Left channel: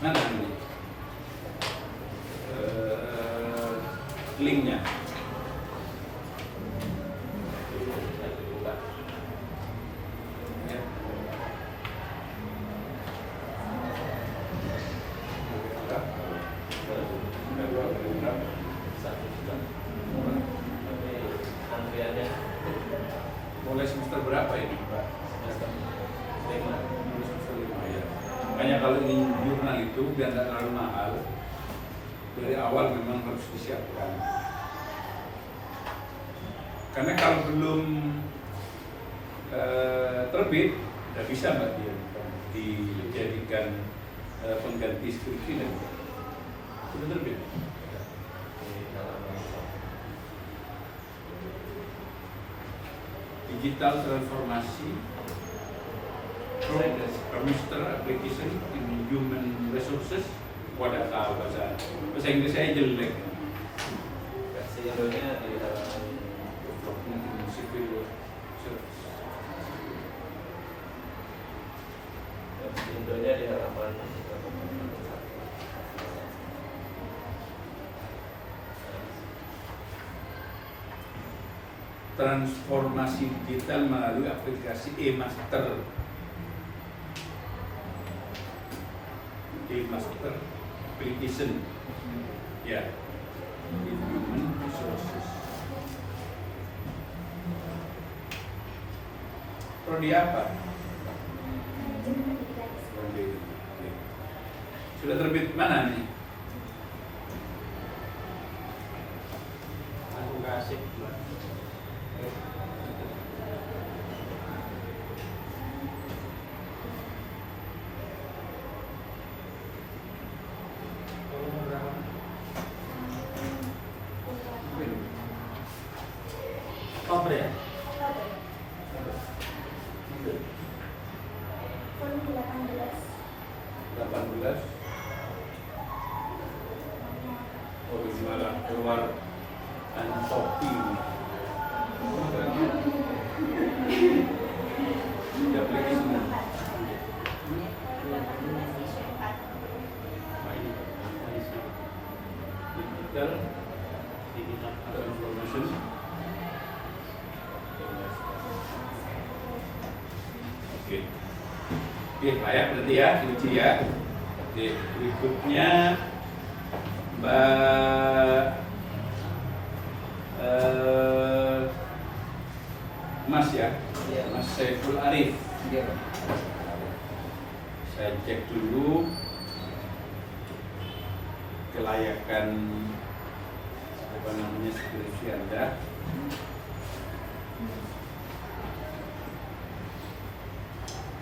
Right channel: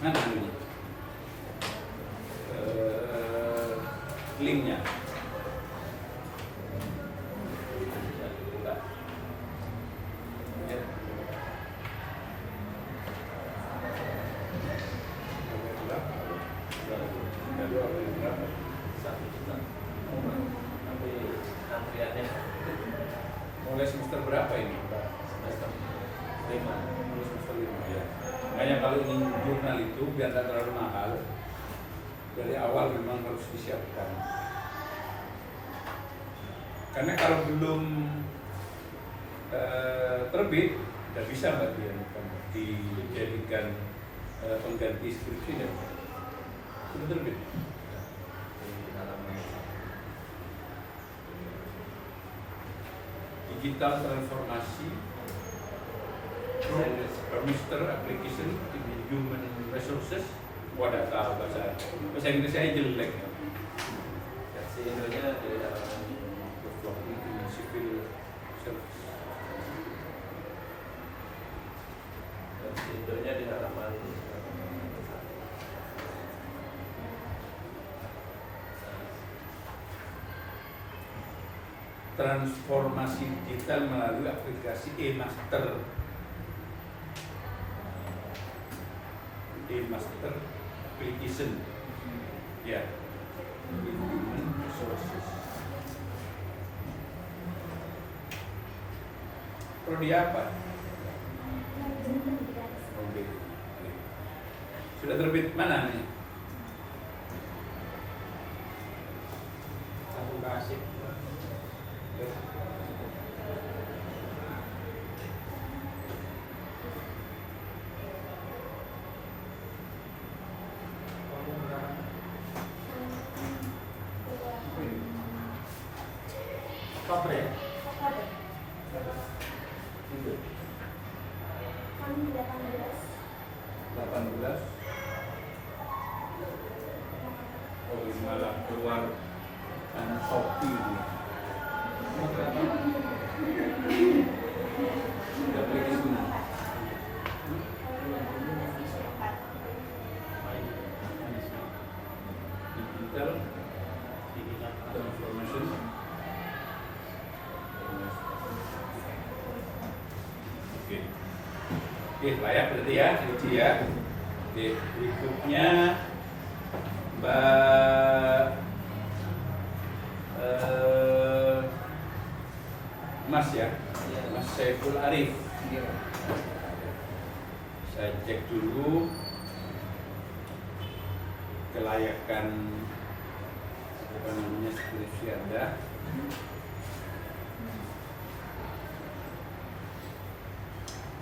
Mana ini? Linknya. Mulai semester berapa ini, Pak? Semester 5 ya. Makanya kalau ini jurnal itu biar tidak terlalu mahal, dari awal memang harus disiapkan. Karena kalau belum terbit, tidak bisa Mbak Dian dijadikan pengganti skripsi dan sudah terbit. Digital transformasi Master Application in Human Resources. Wadah tahu bahasa Inggris saya jelek. Bahasa Indonesia di Development in Civil Service. bahasa Indonesia di halaman Transformasi digital melalui aplikasi e-master. E-master application. Ya. In human resources. Prodi apa? Sudah terbit mana nih? aku kasih Oktober ya? Tahun 18. 18. Oh, ini malah keluar Shopee. Di aplikasi digital transformation. Oke. Oke, layak berarti ya, Cici ya. Oke, berikutnya Mbak Mas ya, Mas Saiful Arif. Saya cek dulu kelayakan apa namanya skripsi Anda.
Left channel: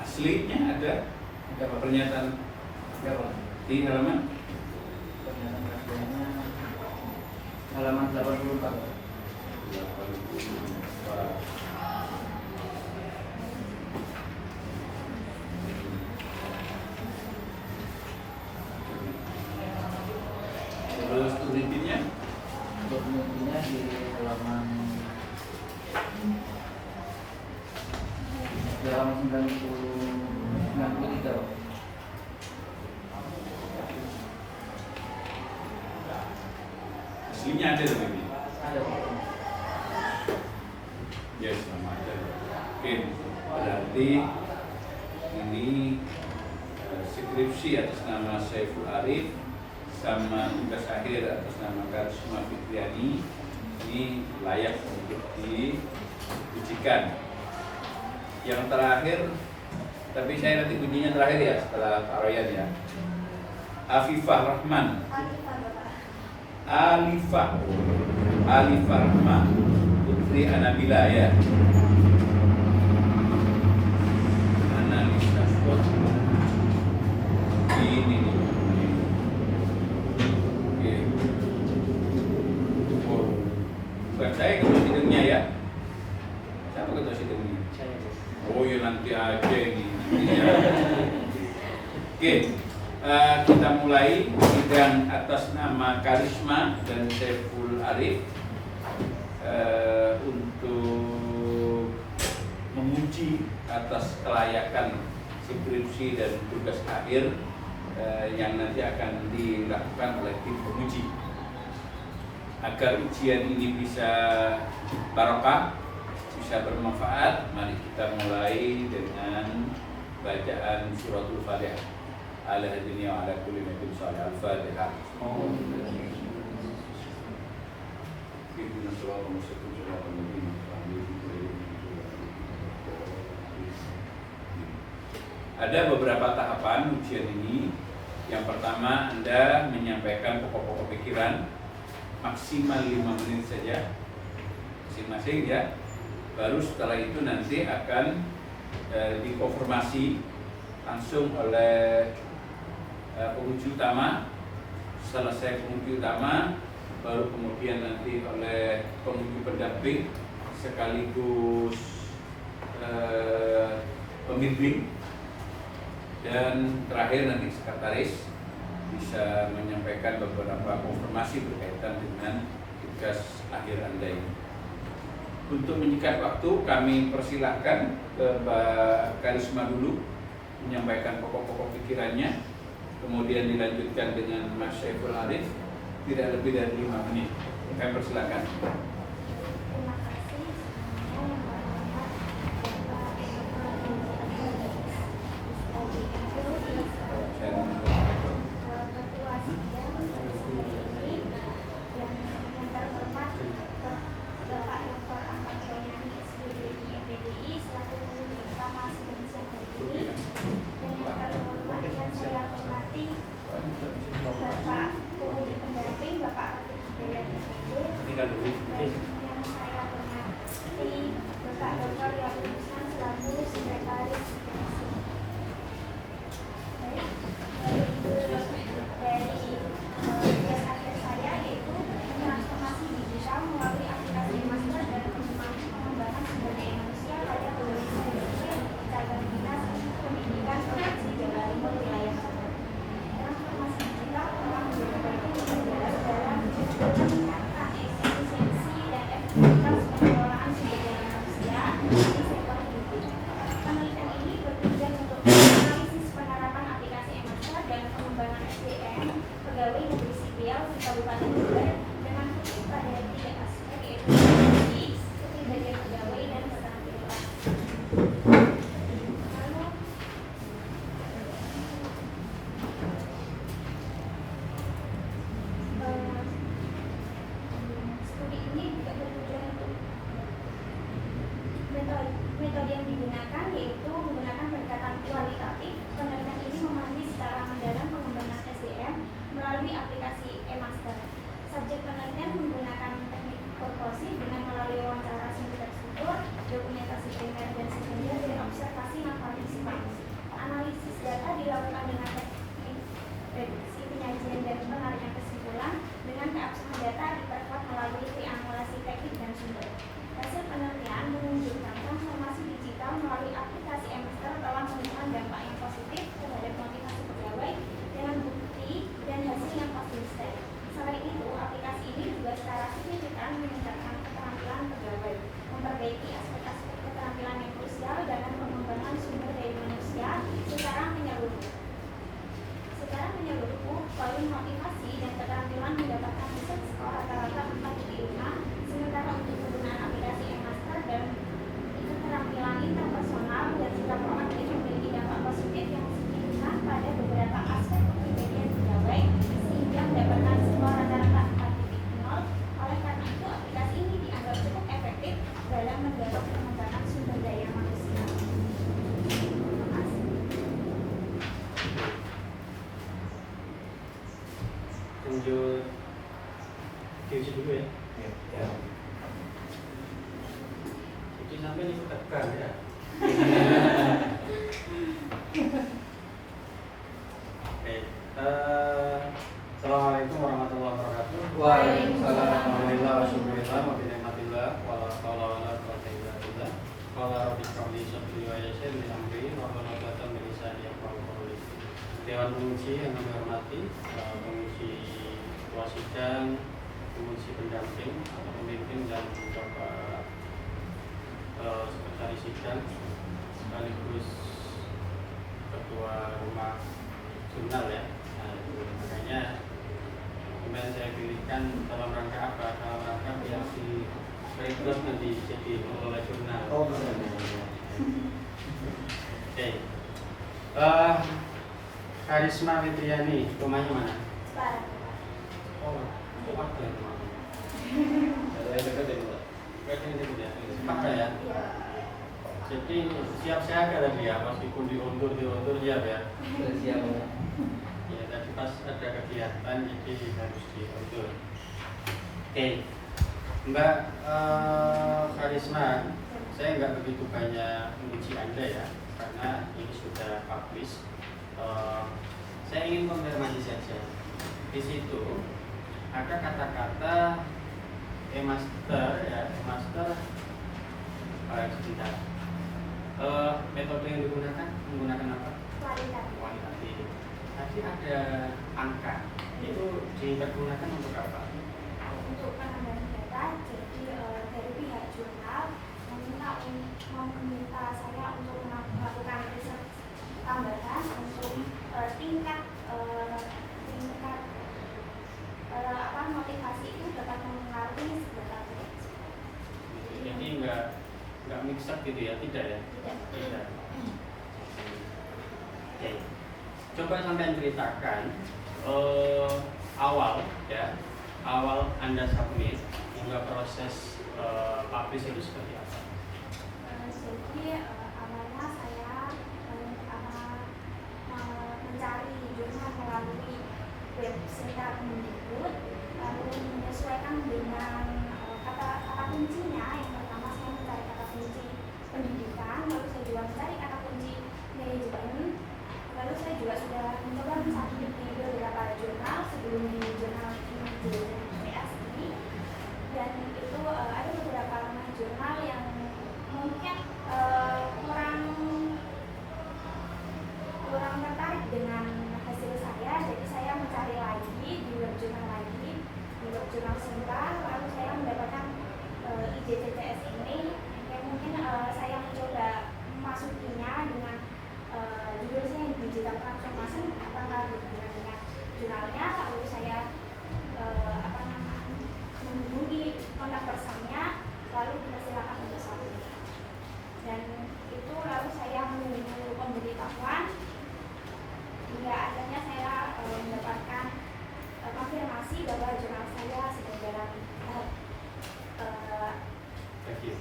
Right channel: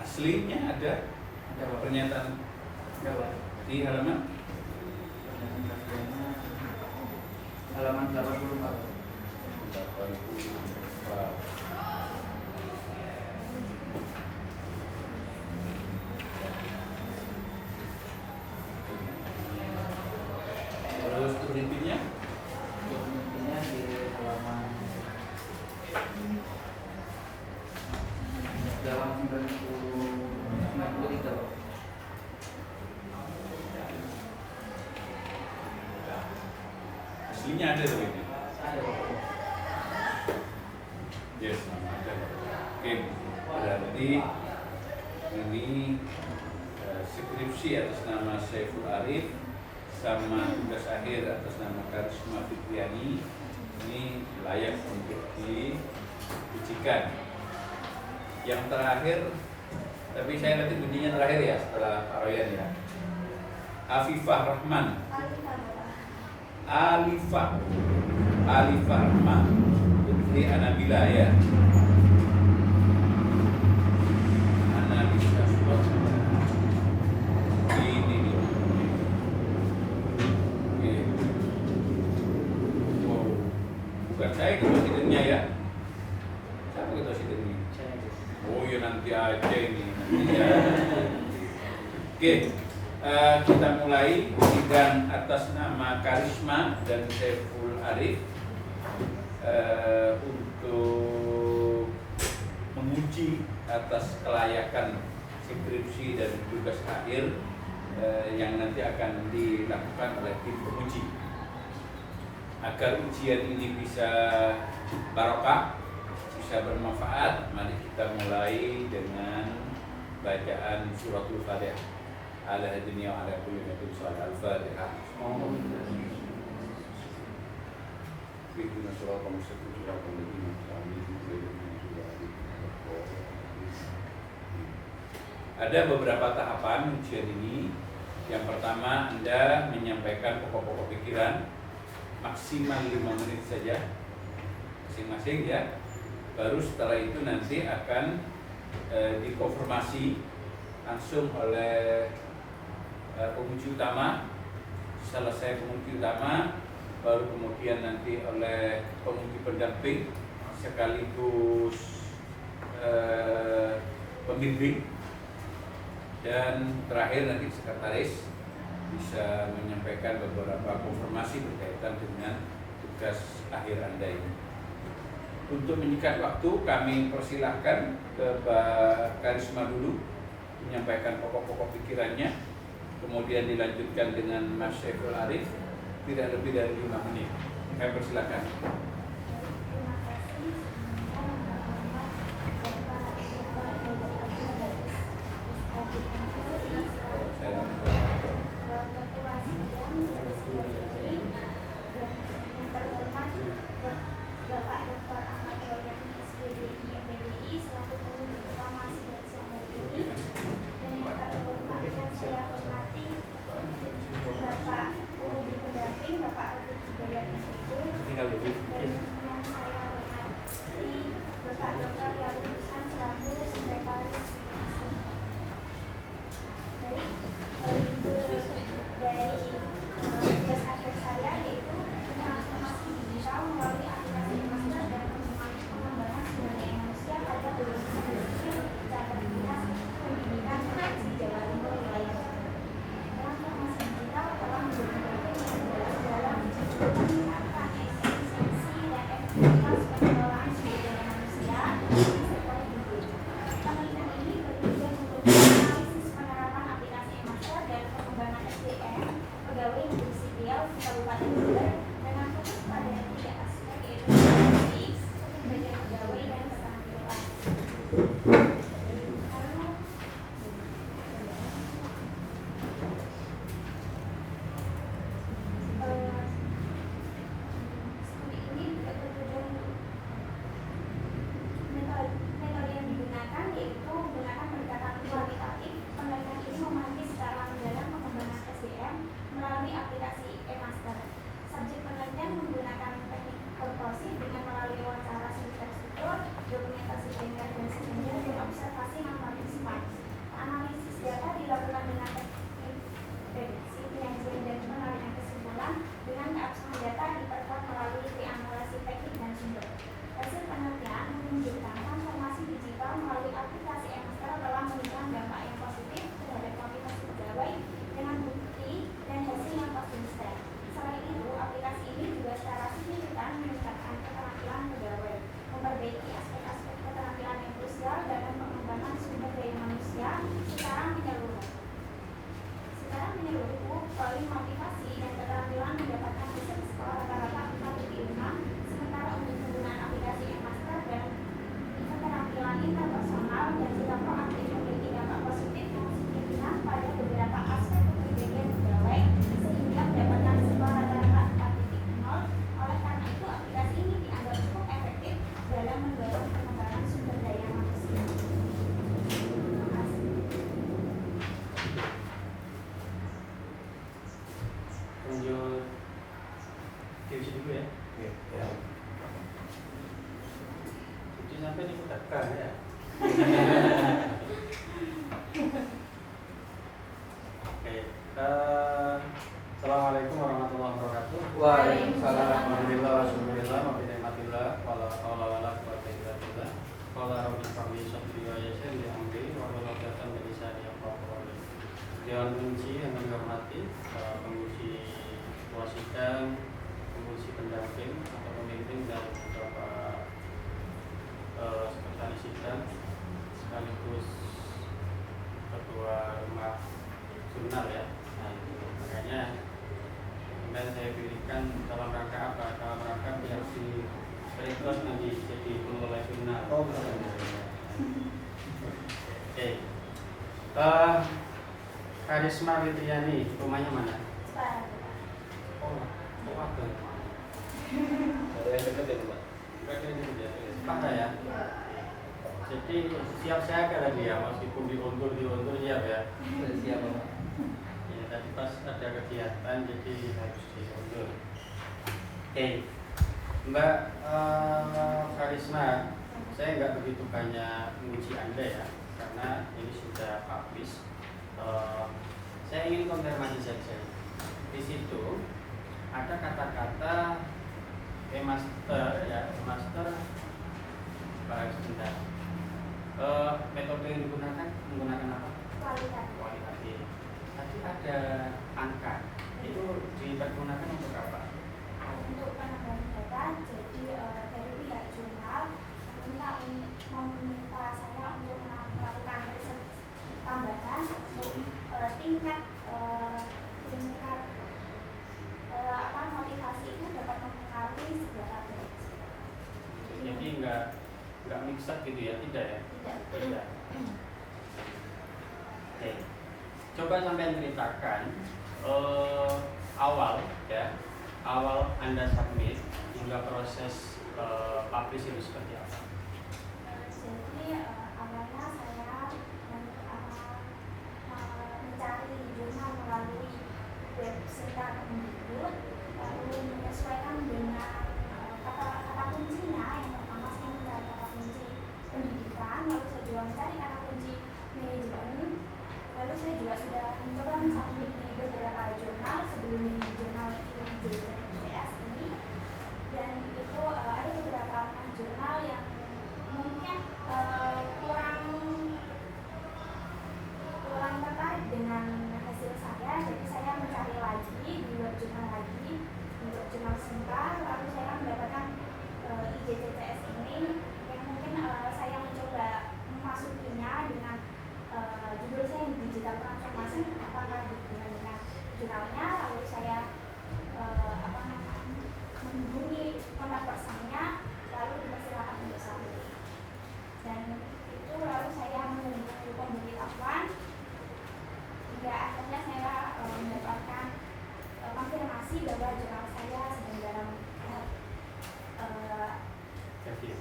Aslinya ada pernyataan di halaman halaman 84. Terus penelitiannya Dokumennya di halaman 93. aslinya ada tuh ini. Ada. Yes, nama ada. Oke, berarti ini skripsi atas nama Saiful Arif sama tugas akhir atas nama Karisma Fitriani ini layak untuk diujikan. Yang terakhir, tapi saya nanti bunyinya terakhir ya setelah Pak Royan ya. Afifah Rahman. Alifah Rahman Putri Anabila ya. Analisa SWOT ini nih. Oke. Oh, bukan saya ketua sidangnya ya. Siapa ketua sidangnya? Oh ya nanti aja ini. Nanti ya. Oke. Kita mulai sidang atas nama Karisma dan Saiful Arif untuk menguji atas kelayakan skripsi dan tugas akhir yang nanti akan dilakukan oleh tim penguji. Agar ujian ini bisa barokah, bisa bermanfaat, mari kita mulai dengan bacaan suratul Fatihah. Ala hadiniya wa ala kulli nabiyyin shallallahu al-Fatihah. Ada beberapa tahapan ujian ini. Yang pertama, Anda menyampaikan pokok-pokok pikiran maksimal 5 menit saja masing-masing ya. Baru setelah itu nanti akan dikonfirmasi langsung oleh penguji utama. Selesai penguji utama, baru kemudian nanti oleh penguji pendamping sekaligus pembimbing, dan terakhir nanti sekretaris bisa menyampaikan beberapa konfirmasi berkaitan dengan tugas akhir Anda ini. Untuk menyingkat waktu, kami persilahkan ke Mbak Karisma dulu menyampaikan pokok-pokok pikirannya, kemudian dilanjutkan dengan Mas Syaiful Arif, tidak lebih dari 5 menit. Kami persilahkan. Lanjut diuji dulu ya. Ya. Uji sampai ini tekan ya. Oke. Assalamualaikum warahmatullahi wabarakatuh. Waalaikumsalam. Alhamdulillah wa syukurillah wa bihamdillah wa la haula wa la quwwata illa billah. Qala rabbi shrahli sadri wa yassir li amri wa hlul 'uqdatam min lisani yafqahu qawli. Dewan penguji yang kami hormati, penguji ketua sidang, penguji pendamping atau pembimbing, dan beberapa sekretaris sidang sekaligus ketua rumah jurnal ya. dilakukan dalam rangka apa? Dalam rangka biar si rekrut nanti jadi pengelola jurnal. Oh, betul. Oke. Karisma Fitriani, rumahnya mana? Sekarang. Oh, apa itu? Ada yang dekat ya Pak? Apa ya? Jadi siap saya kata dia, meskipun diundur siap ya. Siap, Pak. Ya tadi pas ada kegiatan jadi harus diundur. Oke, Mbak Karisma, saya nggak begitu banyak menguji Anda ya, karena ini sudah publish. Saya ingin konfirmasi saja. Di situ ada kata-kata master ya, master. Baik, sebentar. Metode yang digunakan menggunakan apa? Kualitatif. Tadi ada angka. Itu dipergunakan untuk apa? Untuk penambahan data, jadi dari pihak jurnal meminta saya untuk melakukan riset tambahan untuk tingkat motivasi itu dapat mempengaruhi sebuah proyek. Jadi nggak mix up gitu ya, tidak ya? Tidak. Oke. Coba sampai ceritakan awal Anda submit hingga proses publish itu seperti apa? Jadi awalnya saya mencari jurnal melalui website Kemendikbud, lalu menyesuaikan dengan kata kuncinya. Yang pertama saya mencari kata kunci pendidikan, lalu saya juga mencari kata kunci manajemen, lalu saya juga sudah mencoba mencari di beberapa jurnal sebelum di jurnal JPS ini, dan itu ada beberapa jurnal yang mungkin kurang tertarik dengan hasil saya, jadi saya mencari lagi di web jurnal Sinta, lalu saya mendapatkan IJCCS ini yang mungkin saya mencoba memasukinya dengan judul saya digital transformation, apakah berhubungan dengan jurnalnya, lalu saya menghubungi kontak personnya, lalu dipersilakan untuk submit. Dan itu lalu saya menunggu pemberitahuan hingga akhirnya saya mendapatkan konfirmasi bahwa jurnal saya sedang dalam tahap review.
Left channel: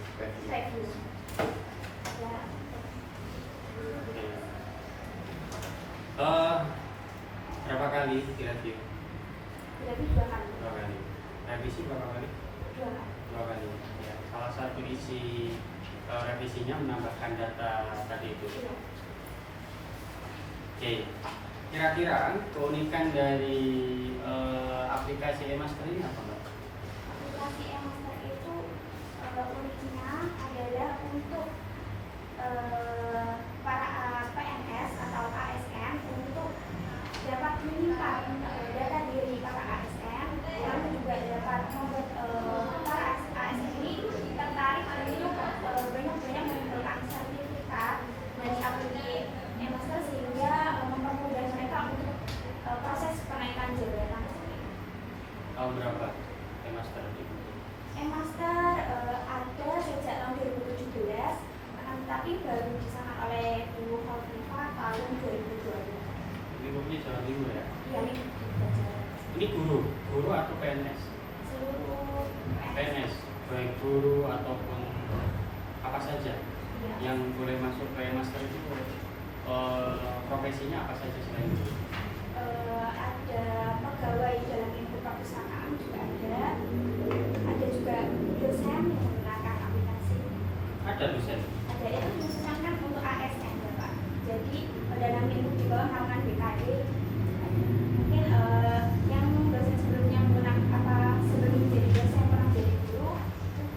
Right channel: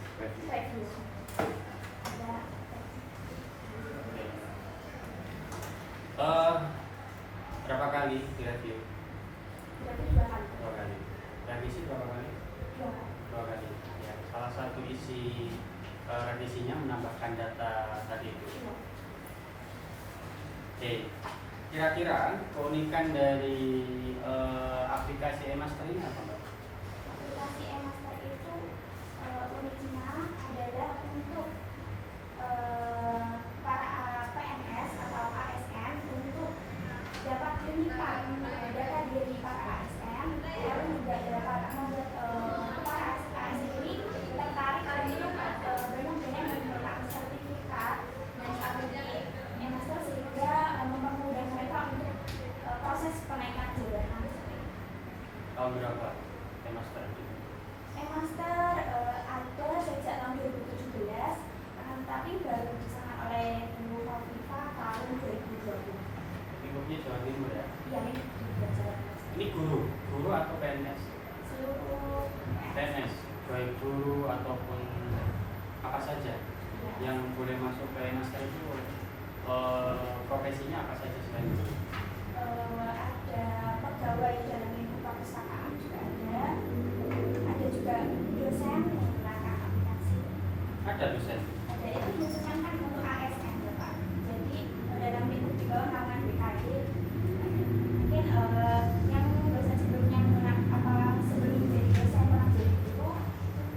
Berapa kali direview? Jadi 2 kali. 2 kali. Revisi berapa kali? 2 kali. 2 kali. Ya. Salah satu isi revisinya menambahkan data tadi itu. Iya. Oke. Kira-kira keunikan dari aplikasi eMaster ini apa, Mbak? Aplikasi eMaster itu uniknya adalah untuk para PNS atau ASN untuk dapat menyimpan data diri para ASN, lalu juga dapat membuat para ASN ini tertarik untuk banyak-banyak menggunakan sertifikat dari aplikasi eMaster sehingga mempermudah mereka untuk proses kenaikan jabatan. Tahun berapa eMaster itu? eMaster ada sejak tahun 2017, tapi baru disahkan oleh Ibu Khofifa tahun 2020. Lingkupnya Jawa Timur ya? Yang ini berjalan Ini guru atau PNS? seluruh PNS, baik guru ataupun apa saja ya. yang boleh masuk ke eMaster itu profesinya apa saja selain itu? Ada pegawai dalam lingkup perpustakaan juga ada juga dosen yang menggunakan aplikasi. Ada dosen? Ada itu khususnya kan untuk ASN Bapak. Jadi dalam lingkup di bawah naungan BKD. Mungkin yang dosen sebelumnya menggunakan sebelum jadi dosen pernah jadi guru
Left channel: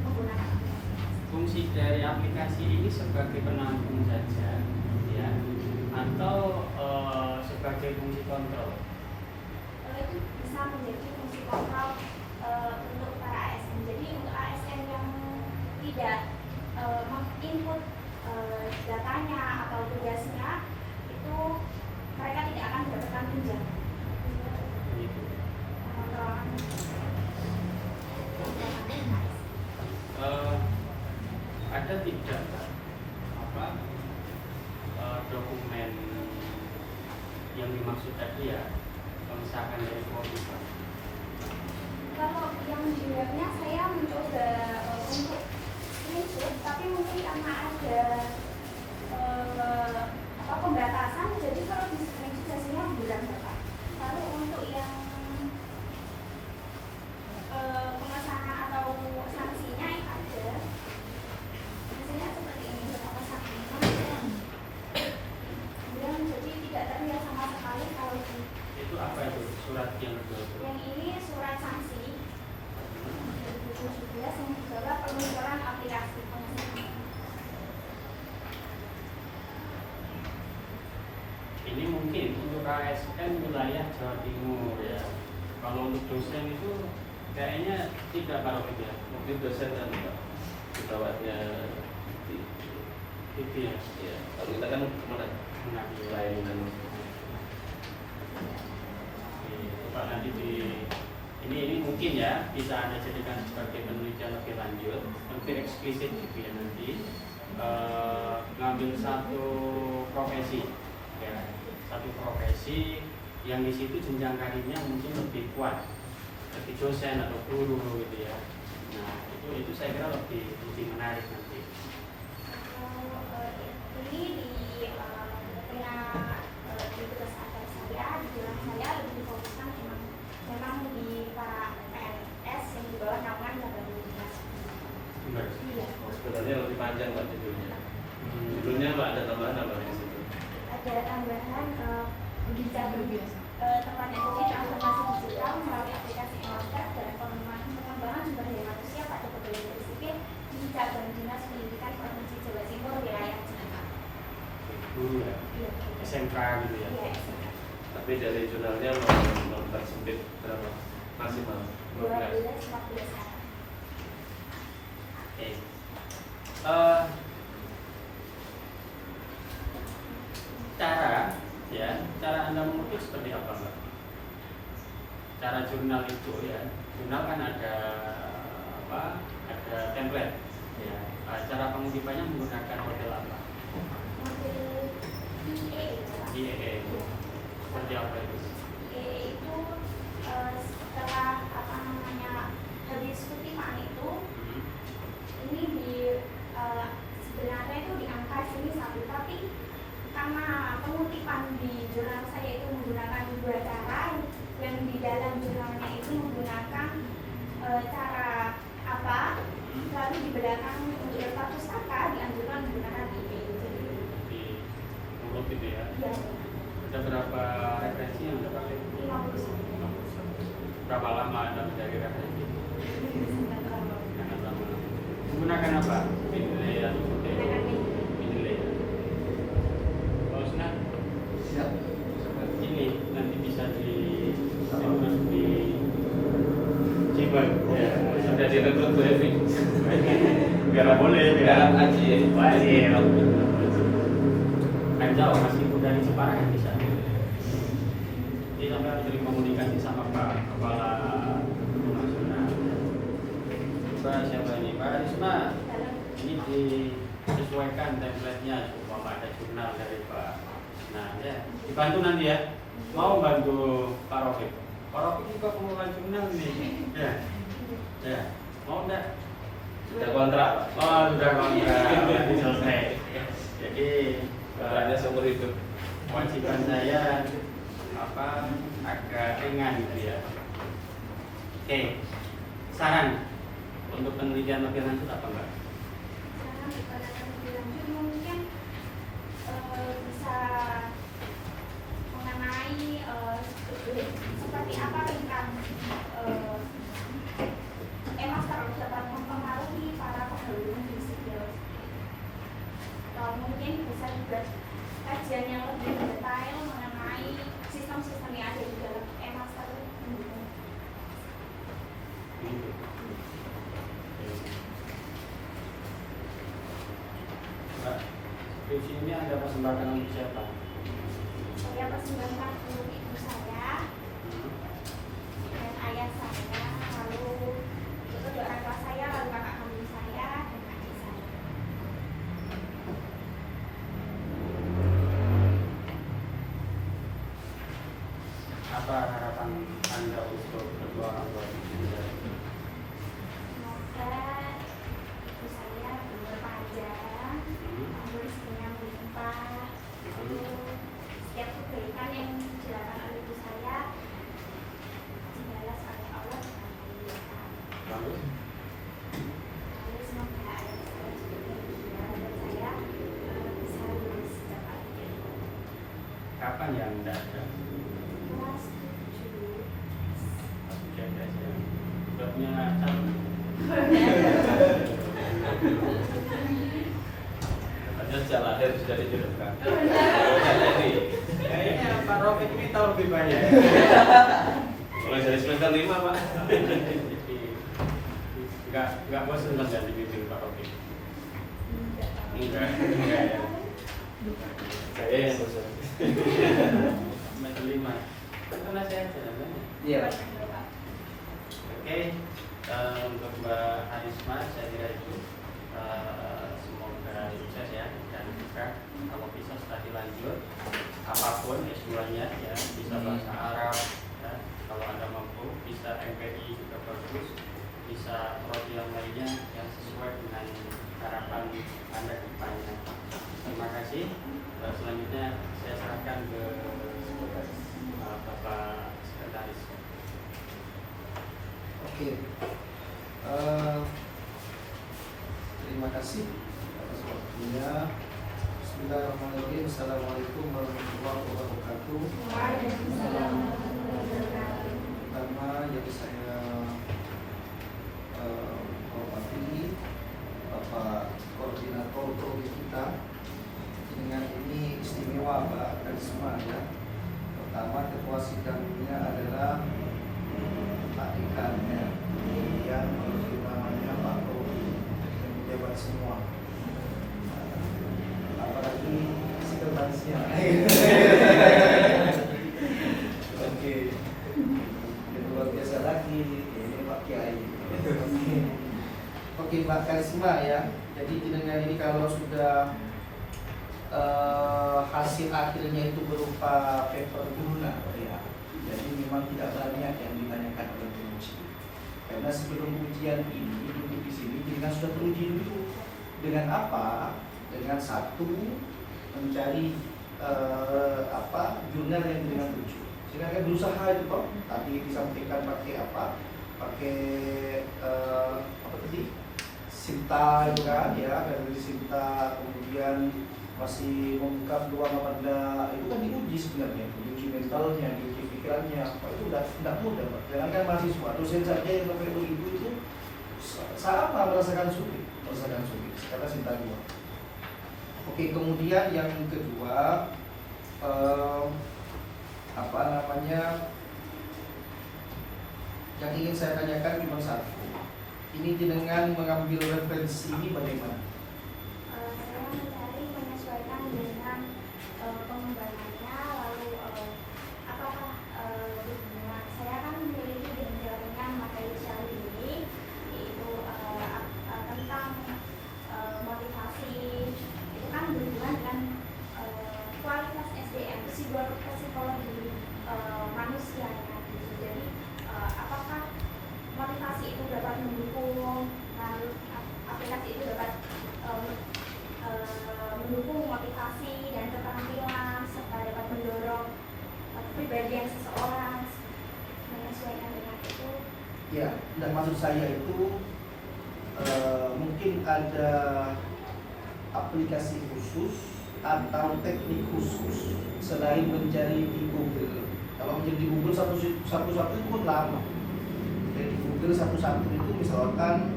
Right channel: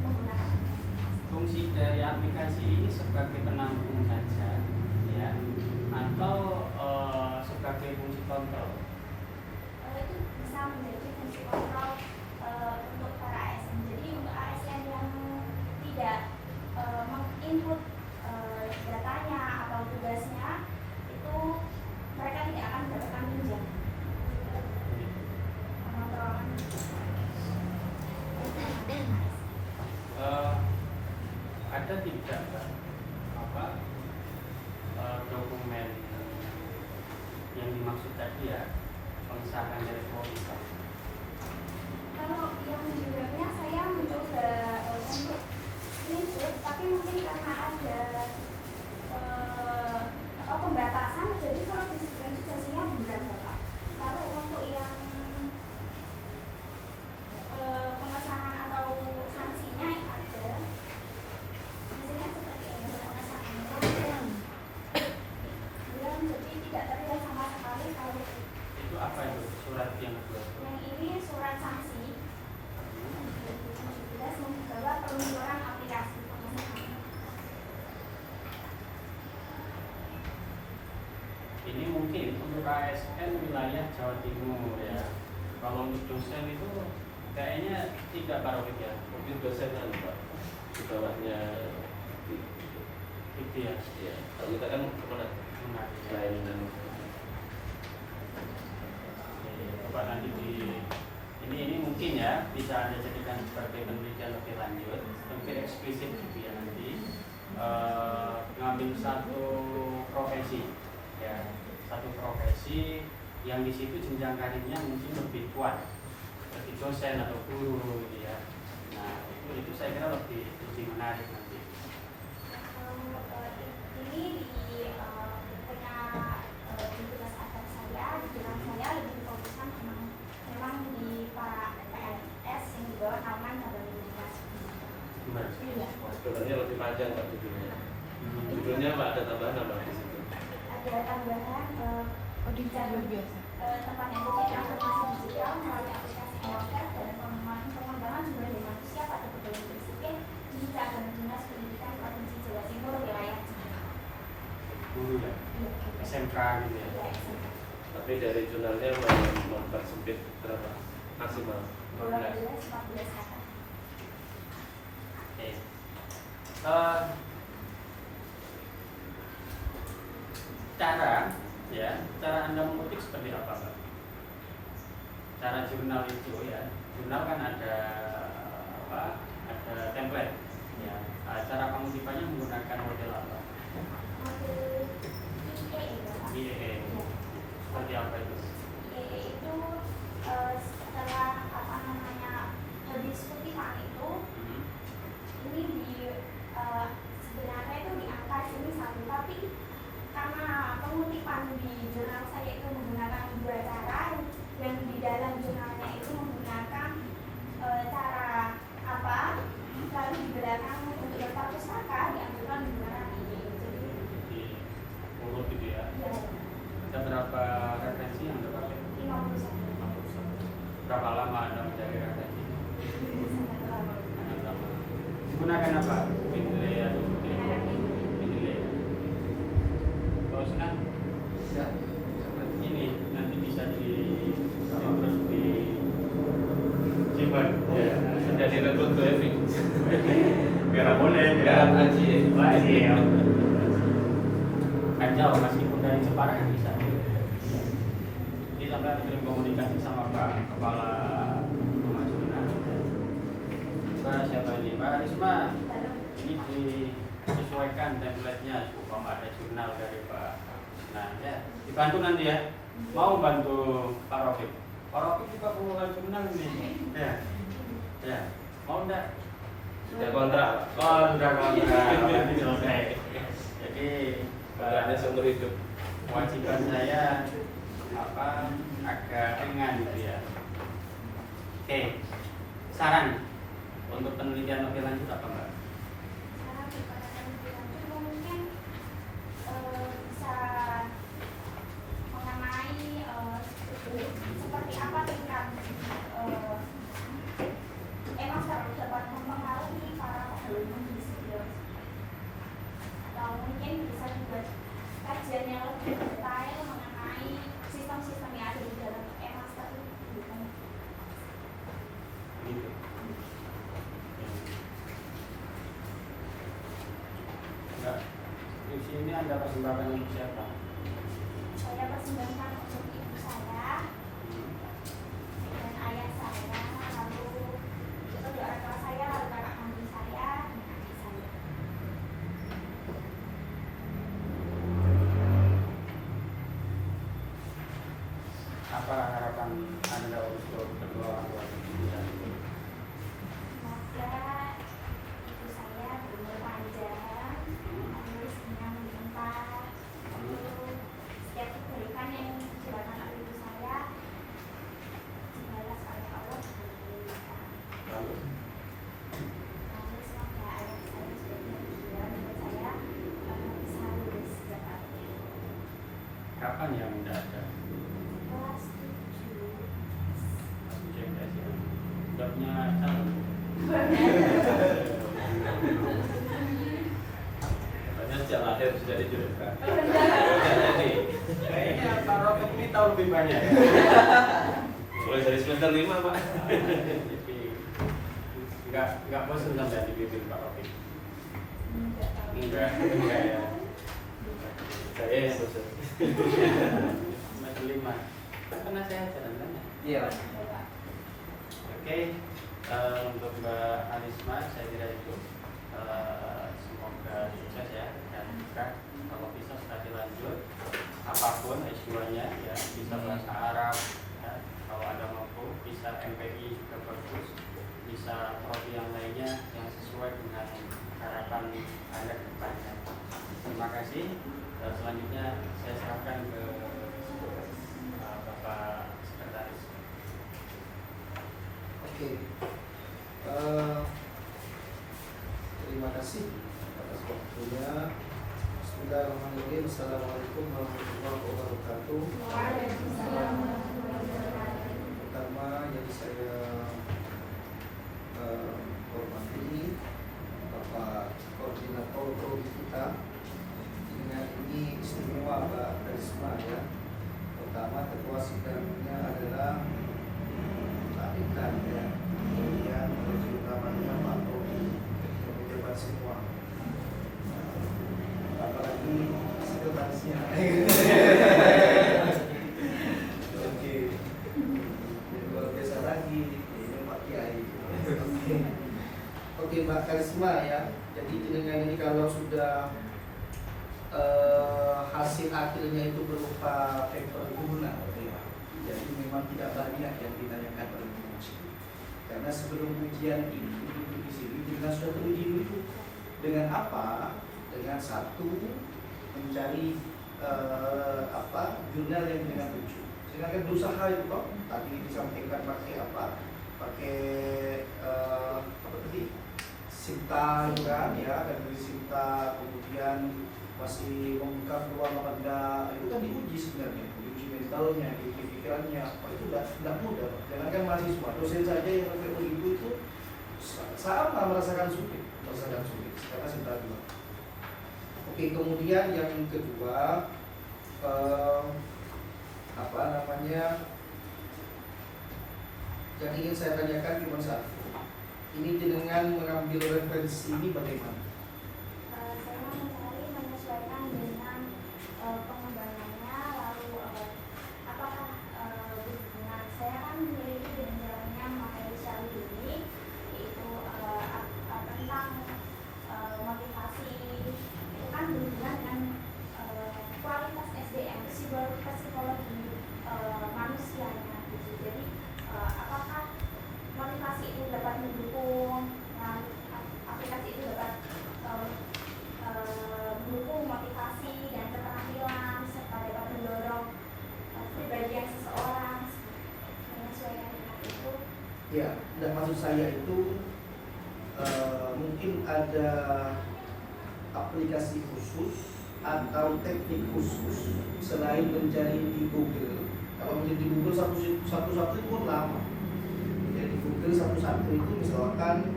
menggunakan aplikasi. Fungsi dari aplikasi ini sebagai penampung saja, ya, atau sebagai fungsi kontrol? Itu bisa menjadi fungsi kontrol untuk para ASN. Jadi untuk ASN yang tidak menginput datanya atau tugasnya, itu mereka tidak akan mendapatkan tunjangan. Begitu. Pengontrolan. dimaksud tadi ya pengesahan dari semua pihak. Kalau yang sebenarnya saya mencoba untuk screenshot, tapi mungkin karena ada pembatasan, jadi kalau di screenshot hasilnya bukan Bapak. Lalu untuk yang pengesahan atau sanksinya yang ada, hasilnya seperti ini untuk pengesahannya. Kemudian jadi tidak terlihat sama sekali kalau Itu apa itu surat yang kedua? yang ini surat sanksi 2017 yang dibawa peluncuran aplikasi pengesahan. Ini mungkin untuk ASN wilayah Jawa Timur ya. Kalau untuk dosen itu kayaknya tidak Barokah ya. Mungkin dosen kan Pak di bawahnya Itu ya. ya. Kalau kita kan kemana Nah, ya. layanan Oke, Bapak nanti ini mungkin ya bisa Anda jadikan sebagai penelitian lebih lanjut, lebih eksplisit gitu ya nanti ngambil satu profesi ya, satu profesi yang di situ jenjang karirnya mungkin lebih kuat, lebih dosen atau guru gitu ya. Nah itu saya kira lebih menarik nanti. Ini punya di tugas atas saya, di jalan saya lebih difokuskan memang di para PNS yang di bawah naungan Bapak Gimana? Iya. sebenarnya lebih panjang Pak judulnya. Judulnya Pak ada tambahan apa di situ? Ada tambahan di cabang tempatnya mungkin transformasi digital melalui aplikasi Eloker dan pengembangan sumber daya manusia pada pegawai negeri sipil di cabang dinas pendidikan provinsi Jawa Timur wilayah Jakarta. Guru ya, Iya, SMK gitu ya. iya, SMK. Tapi dari jurnalnya mempersempit berapa maksimal? 12-14 kata. Oke. Cara Anda mengutip seperti apa, Mbak? Cara jurnal itu ya, jurnal kan ada apa? Ada template ya. Cara pengutipannya menggunakan model apa? IEE. Seperti apa itu? Itu setelah habis kutipan itu ini sebenarnya itu di angka sini satu, tapi karena pengutipan di jurnal saya itu menggunakan dua cara, yang di dalam jurnalnya itu menggunakan cara apa, lalu di belakang untuk daftar pustaka dianjurkan menggunakan IE. Jadi Di urut itu ya. ya Ada berapa referensi yang Anda pakai? 51. Berapa lama Anda mencari referensi? Sangat lama. Sangat lama. Menggunakan apa? Mendeley atau Menggunakan IE. Mendeley ya? Kalau senang ini nanti bisa ditulis di Gmail. Ya. Sudah direkrut Bu Evi. Nggak boleh. Garat Aji ya. Wajib. Kan jauh meskipun dari Jepara kan bisa. Ini sampai sering komunikasi sama Pak Kepala Nasional. Pak siapa ini? Pak Risma. Ini disesuaikan template-nya supaya ada jurnal dari Pak. Nah ya dibantu nanti ya. Mau bantu Pak Rofiq. Pak Rofiq juga pembukaan jurnal nih. Ya. Mau enggak? Sudah kontrak. Oh, sudah kontrak. Nanti selesai. Jadi Kontraknya seumur hidup. kewajiban saya agak ringan gitu ya. Oke. Saran untuk penelitian lebih lanjut apa enggak? Karena dikatakan bilang itu mungkin bisa mengenai seperti apa tingkat emang terlalu dapat mempengaruhi para pegawai negeri sipil. Atau mungkin bisa juga kajian yang lebih detail mengenai sistem-sistem yang ada di dalam e-master itu. Gitu. Mbak, skripsi ini Anda persembahkan untuk siapa? Saya persembahkan untuk ibu saya dan ayah saya, lalu kedua orang tua saya, lalu kakak kandung saya dan adik saya. apa harapan Anda untuk kedua orang tua kita? Semoga ibu saya umur panjang, rezekinya melimpah, lalu setiap kebaikan yang dilakukan oleh ibu saya dibalas oleh Allah dengan kebaikan. Lalu Lalu semoga anak saya juga bahagia dan saya bisa lulus secepatnya. kapan yang Anda ada? Kelas 7. Jaga aja. Udah punya calon? Katanya sejak lahir sudah dijodohkan. Jadi, Kayaknya Pak Rofiq ini tahu lebih banyak. mulai dari semester 5 Pak. Jadi nggak bosan saja di bibir Pak Rofiq. Enggak ya. Saya yang bosan. Semester 5. Karena saya jalan-jalan. Iya. Oke, untuk Mbak Arisma saya kira itu semoga sukses ya dan juga kalau bisa setelah dilanjut apapun S2-nya ya bisa bahasa Arab ya, kalau Anda mampu bisa MPI juga bagus, bisa prodi yang lainnya yang sesuai dengan harapan Anda ke depannya. Terima kasih. Selanjutnya saya serahkan ke Bapak Sekretaris. Oke. Terima kasih atas waktunya. Bismillahirrahmanirrahim. Assalamualaikum warahmatullahi wabarakatuh. Pertama yang saya hormati Bapak Koordinator Prodi kita. Dengan ini istimewa Mbak Karisma ya. Pertama ketua sidangnya adalah Pak Dekan ya. Kemudian namanya Pak Prodi yang menjabat semua. Apalagi sekretarisnya. Oke. Dan luar biasa lagi ini Pak Kiai. Oke Mbak Karisma ya. Jadi dengan ini kalau sudah hasil akhirnya itu berupa paper guna ya. Jadi memang tidak banyak yang ditanyakan oleh penguji. Karena sebelum ujian ini duduk di sini kita sudah teruji dulu dengan apa? Dengan satu mencari jurnal yang dengan lucu. Sedangkan berusaha itu kok tadi disampaikan pakai apa? Pakai apa tadi? Sinta itu kan ya, dari Sinta kemudian masih mengungkap ruang pada itu kan diuji sebenarnya, diuji mentalnya, diuji pikirannya, itu tidak mudah Pak. Sedangkan mahasiswa, dosen saja yang pakai begitu itu sama merasakan sulit karena Sinta dua. Oke, kemudian yang kedua yang ingin saya tanyakan cuma satu. Ini dengan mengambil referensi ini bagaimana? Saya mencari menyesuaikan dengan pengembangannya, lalu apakah berhubungan. Saya kan memiliki dengan jaringan materi syari ini, yaitu tentang motivasi, itu kan berhubungan dengan kualitas SDM, psikologi manusianya. Jadi apakah motivasi itu dapat mendukung, lalu aplikasi itu dapat mendukung motivasi dan keterampilan serta dapat mendorong kepribadian seseorang menyesuaikan dengan itu. Ya, dan maksud saya itu mungkin ada aplikasi khusus atau teknik khusus selain mencari di Google. Kalau mencari di Google satu-satu itu pun lama. Jadi di Google satu-satu itu misalkan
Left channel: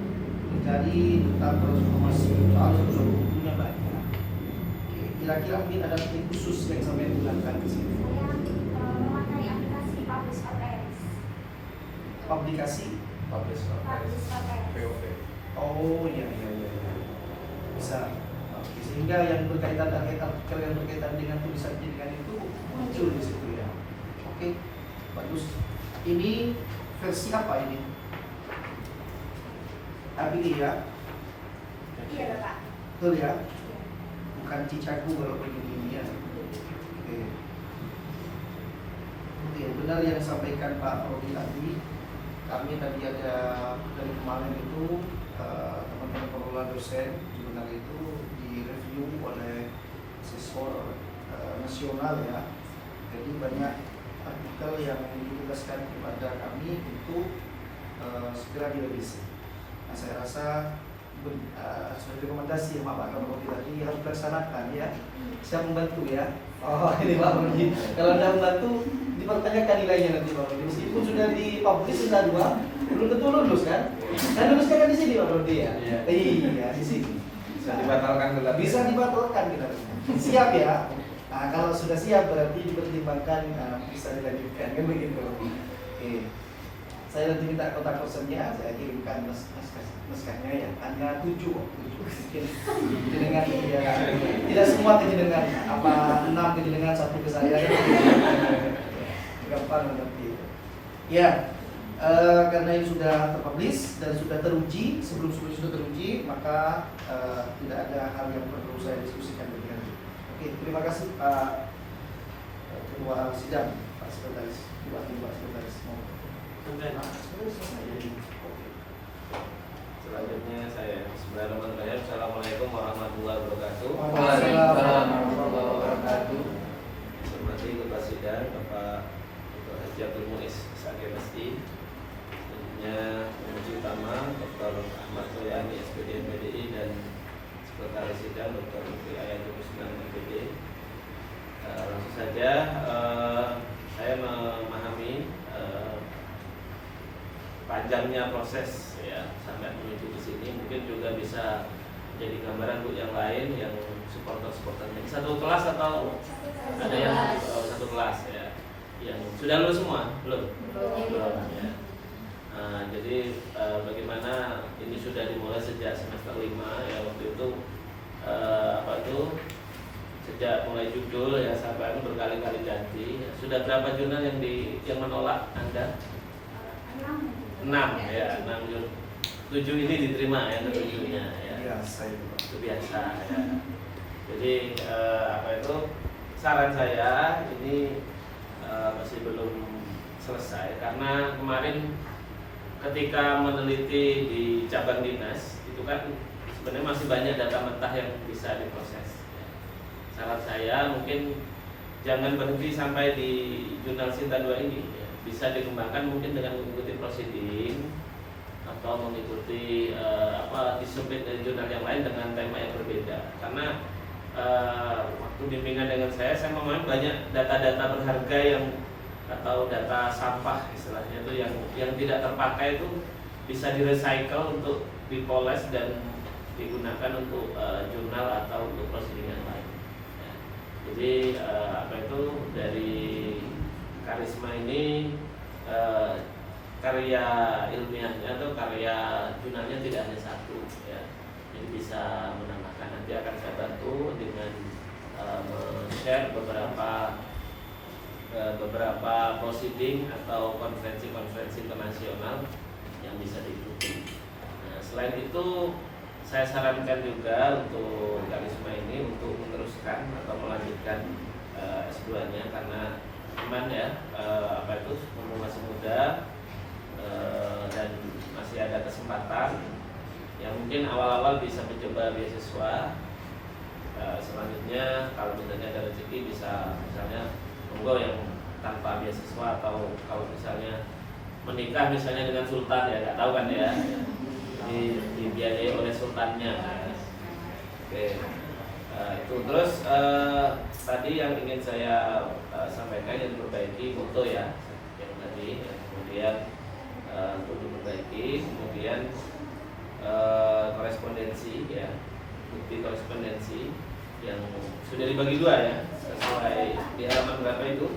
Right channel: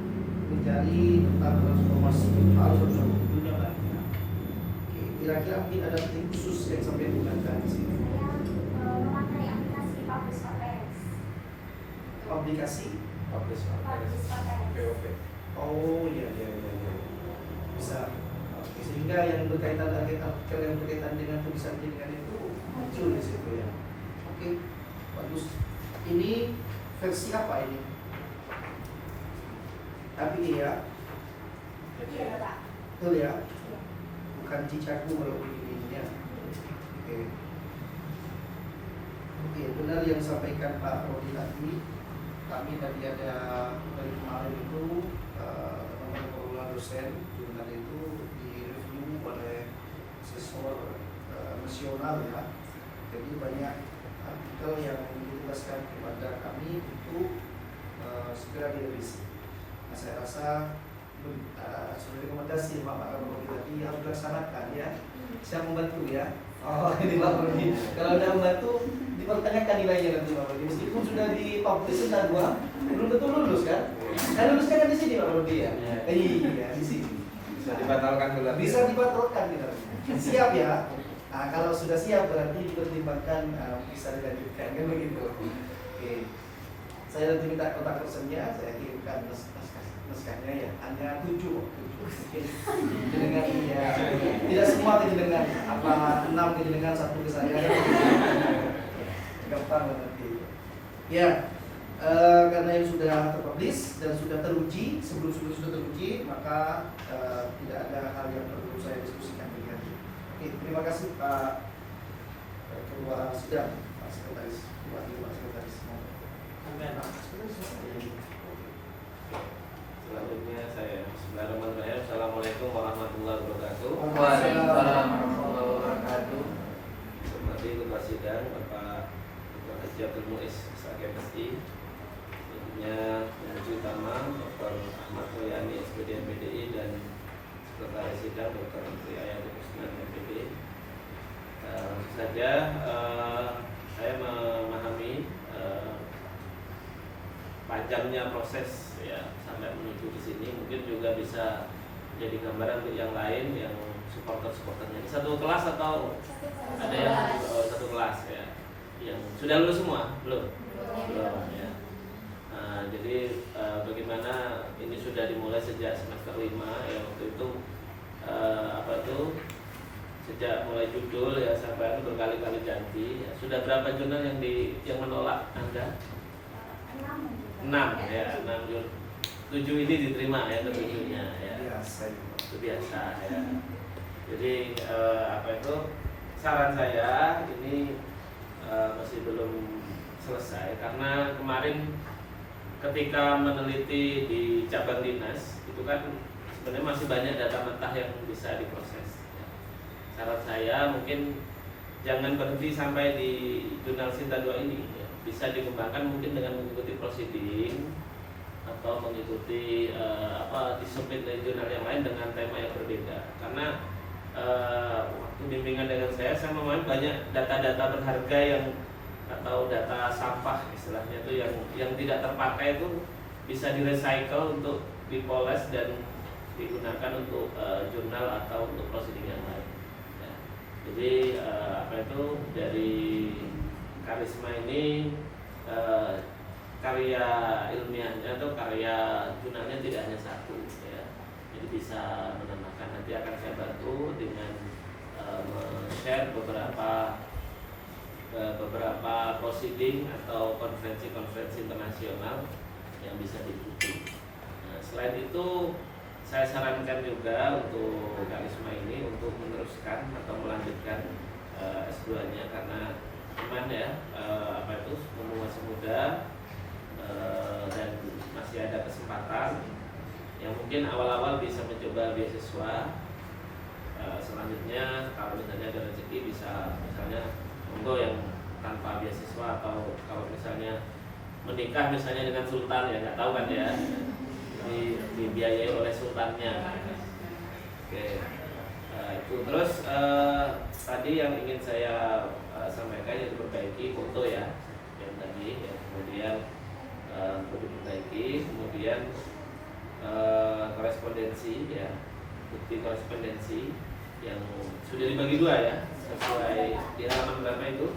mencari tentang transformasi soal satu-satu bukunya banyak. Kira-kira mungkin ada teknik khusus yang sampai digunakan di sini. Saya memakai aplikasi Publish OTS. Aplikasi Publish Publish OTS. POV. Oh iya. Bisa. Oke, sehingga yang berkaitan dengan tulisan dengan itu muncul di situ ya. Oke, bagus. Ini versi apa ini? API ya? Iya, Pak. Betul ya? Bukan cicaku kalau begini ya. Oke. ya, benar yang disampaikan Pak Rodi tadi. Kami tadi ada dari kemarin itu teman-teman pengelola dosen jurnal itu direview oleh asesor nasional ya. Jadi banyak artikel yang ditugaskan kepada kami untuk segera direvisi. Nah, saya rasa sudah rekomendasi Pak Rodi tadi harus dilaksanakan ya. Saya membantu ya. Oh ini Pak Rodi. Kalau Anda membantu dipertanyakan nilainya nanti Pak Rodi. Meskipun sudah dipublish sudah 2, belum tentu lulus kan? Dan lulusnya kan di sini Pak Rodi ya. Iya di sini. Bisa dibatalkan dulu. Bisa dibatalkan kita. Siap ya. Nah kalau sudah siap berarti dipertimbangkan bisa dilanjutkan kan begitu. Oke. Saya nanti minta kontak personnya, saya kirimkan naskahnya ya. Hanya 7 jenengan ya. Tidak semua ke jenengan, apa 6 ke jenengan, 1 ke saya. Gampang nanti. Ya, karena yang sudah terpublish dan sudah teruji, sebelum sudah teruji, maka tidak ada hal yang perlu saya diskusikan dengan. Oke, terima kasih Pak Ketua Sidang, Pak Sekretaris, Pak Sekretaris. Selanjutnya saya Bismillahirrahmanirrahim. Assalamualaikum warahmatullahi wabarakatuh. Waalaikumsalam warahmatullahi wabarakatuh. Hormati Ketua Sidang Bapak Dr. Haji Abdul Muiz SAKMSI, tentunya Penguji Utama Dr. Ahmad Toyani SPD MPDI dan Sekretaris Sidang Dr. Ayatul Kusman MPD. Langsung saja saya memahami panjangnya proses ya sampai menuju ke sini, mungkin juga bisa jadi gambaran untuk yang lain yang supporternya satu kelas atau ada yang satu kelas ya yang sudah lulus semua belum ya. Jadi bagaimana ini sudah dimulai sejak semester 5 ya, waktu itu sejak mulai judul ya sampai berkali-kali ganti ya. Sudah berapa jurnal yang menolak Anda? 6 ya, 7 ini diterima ya, ketujuhnya ya. Itu biasa ya. Jadi saran saya ini masih belum selesai karena kemarin ketika meneliti di cabang dinas itu kan sebenarnya masih banyak data mentah yang bisa diproses ya. Saran saya mungkin jangan berhenti sampai di jurnal Sinta 2 ini ya. Bisa dikembangkan mungkin dengan mengikuti proceeding atau mengikuti disiplin dari jurnal yang lain dengan tema yang berbeda. Karena waktu bimbingan dengan saya memahami banyak data-data berharga yang atau data sampah istilahnya itu yang tidak terpakai itu bisa di-recycle untuk dipoles dan digunakan untuk jurnal atau untuk proceeding yang lain. Ya. Jadi dari Karisma ini karya ilmiahnya atau karya jurnalnya tidak hanya satu ya. Jadi bisa menambahkan, nanti akan saya bantu dengan share beberapa proceeding atau konferensi-konferensi internasional yang bisa diikuti. Nah, selain itu saya sarankan juga untuk Karisma ini untuk meneruskan atau melanjutkan S2-nya karena teman ya mumpung masih muda dan masih ada kesempatan yang mungkin awal-awal bisa mencoba beasiswa, selanjutnya kalau misalnya ada rezeki bisa misalnya monggo yang tanpa beasiswa atau kalau misalnya menikah misalnya dengan sultan ya nggak tahu kan ya, dibiayai oleh sultannya. Oke. Itu terus tadi yang ingin saya sampaikan yang diperbaiki foto ya yang tadi ya. Kemudian untuk diperbaiki, kemudian korespondensi ya, bukti korespondensi yang sudah dibagi 2 ya sesuai di halaman berapa itu?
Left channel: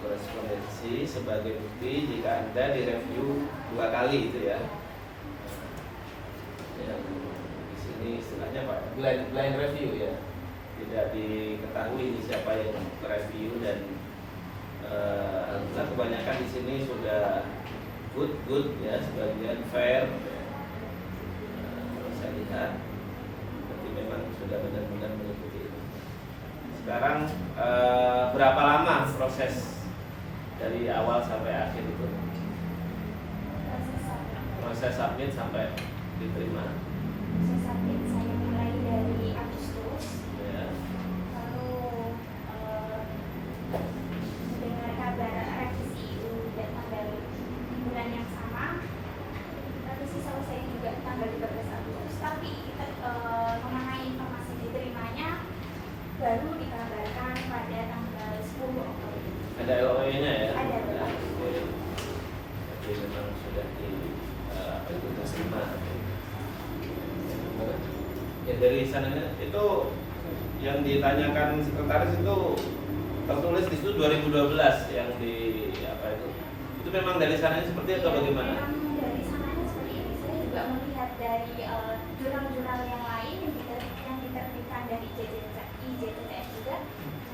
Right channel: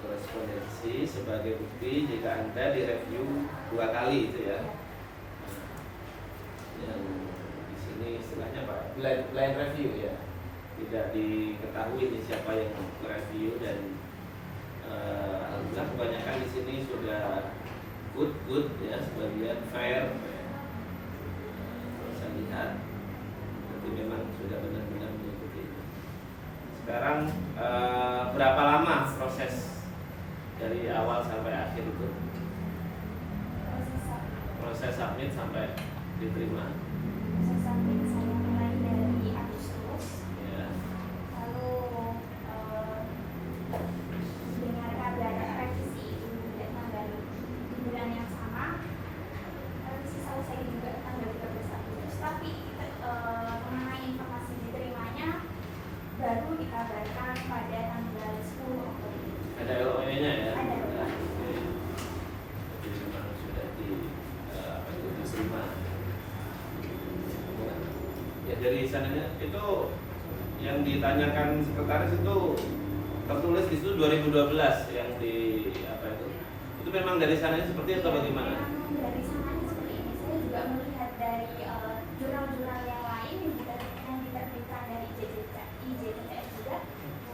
Korespondensi sebagai bukti jika Anda direview 2 kali itu ya. Yang di sini istilahnya apa? Blind review ya. tidak diketahui ini siapa yang mereview, dan alhamdulillah kebanyakan di sini sudah good ya, sebagian fair. Kalau saya lihat berarti memang sudah benar-benar mengikuti itu. Sekarang berapa lama proses dari awal sampai akhir itu? Proses submit sampai diterima. Proses submit saya mulai dari Agustus, Ya. lalu mendengar kabar revisi itu datang dari di bulan yang sama. Revisi selesai juga tanggal 13 Agustus, tapi kita mengenai informasi diterimanya baru dikabarkan pada tanggal 10 Oktober. Ada LOE-nya ya? Ada. Jadi memang sudah diterima. Ya dari sananya itu yang ditanyakan sekretaris itu tertulis di situ 2012 yang di apa itu? Itu memang dari sananya seperti itu atau bagaimana? Memang dari sananya seperti ini. Saya juga melihat dari jurnal-jurnal yang lain yang diterbitkan dari IJTTF juga.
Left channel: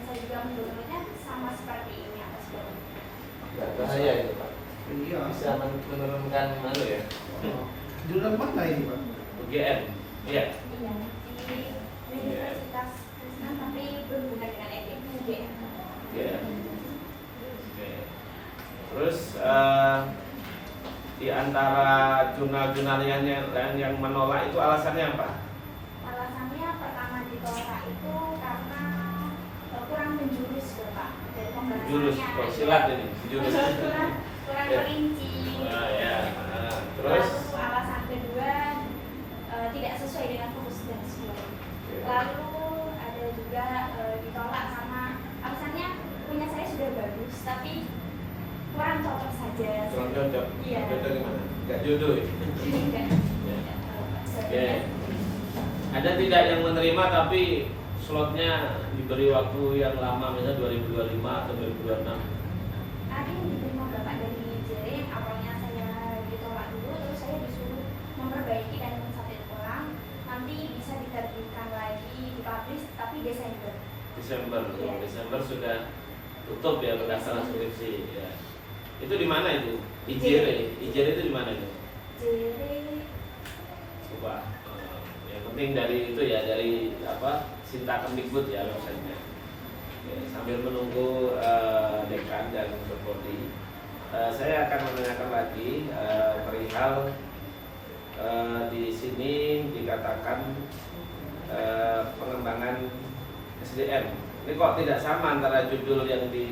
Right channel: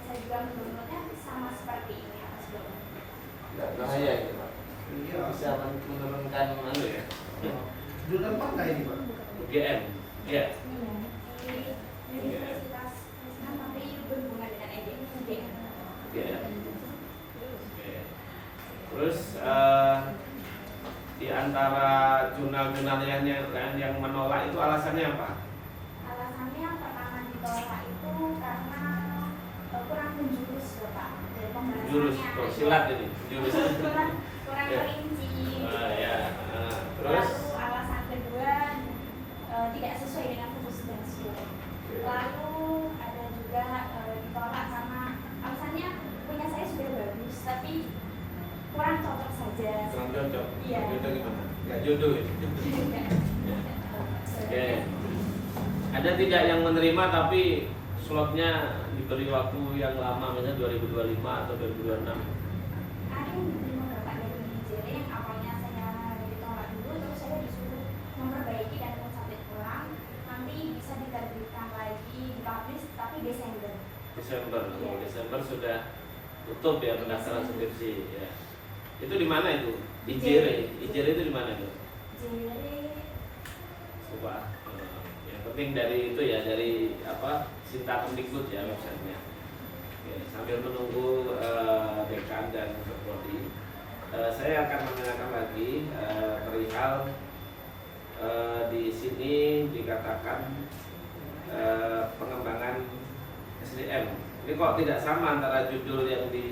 Saya juga menurutnya sama seperti ini atas bawah. Nggak bahaya itu Pak. Iya. Bisa menurunkan Mana ya? Jurnal mana ini Pak? UGM. Ya. Iya, di Universitas Krishna tapi berhubungan dengan UGM. Ya. Oke. Terus di antara jurnal-jurnal yang menolak itu alasannya apa? Alasannya pertama ditolak itu karena kurang menjurus ya Pak. Dari pembahasannya. Jurus, oh, silat ini, jurus. kurang Ya. perinci. Wah, ya. Terus Terus alasan kedua tidak sesuai dengan fokus dan sesuai. Lalu ada juga ditolak karena alasannya punya saya sudah bagus tapi kurang cocok saja. kurang cocok. Iya. Cocok gimana? Gak jodoh ya? Tidak. Oke. Ada tidak yang menerima tapi slotnya diberi waktu yang lama, misalnya 2025 atau 2026? Ada yang diterima Bapak dari JRE yang awalnya saya ditolak dulu, terus saya disuruh memperbaiki dan mensubmit ulang. Nanti bisa diterbitkan lagi, dipublish tapi Desember. Desember. Iya. Desember sudah tutup ya pendaftaran skripsi ya. Itu di mana itu? JRE. IJRE itu di mana itu? JRE Coba. Yang penting dari itu ya, dari apa? Sinta Kemdikbud ya websitenya. Oke, sambil menunggu dekan dan prodi, saya akan menanyakan lagi perihal di sini dikatakan pengembangan SDM. Ini kok tidak sama antara judul yang di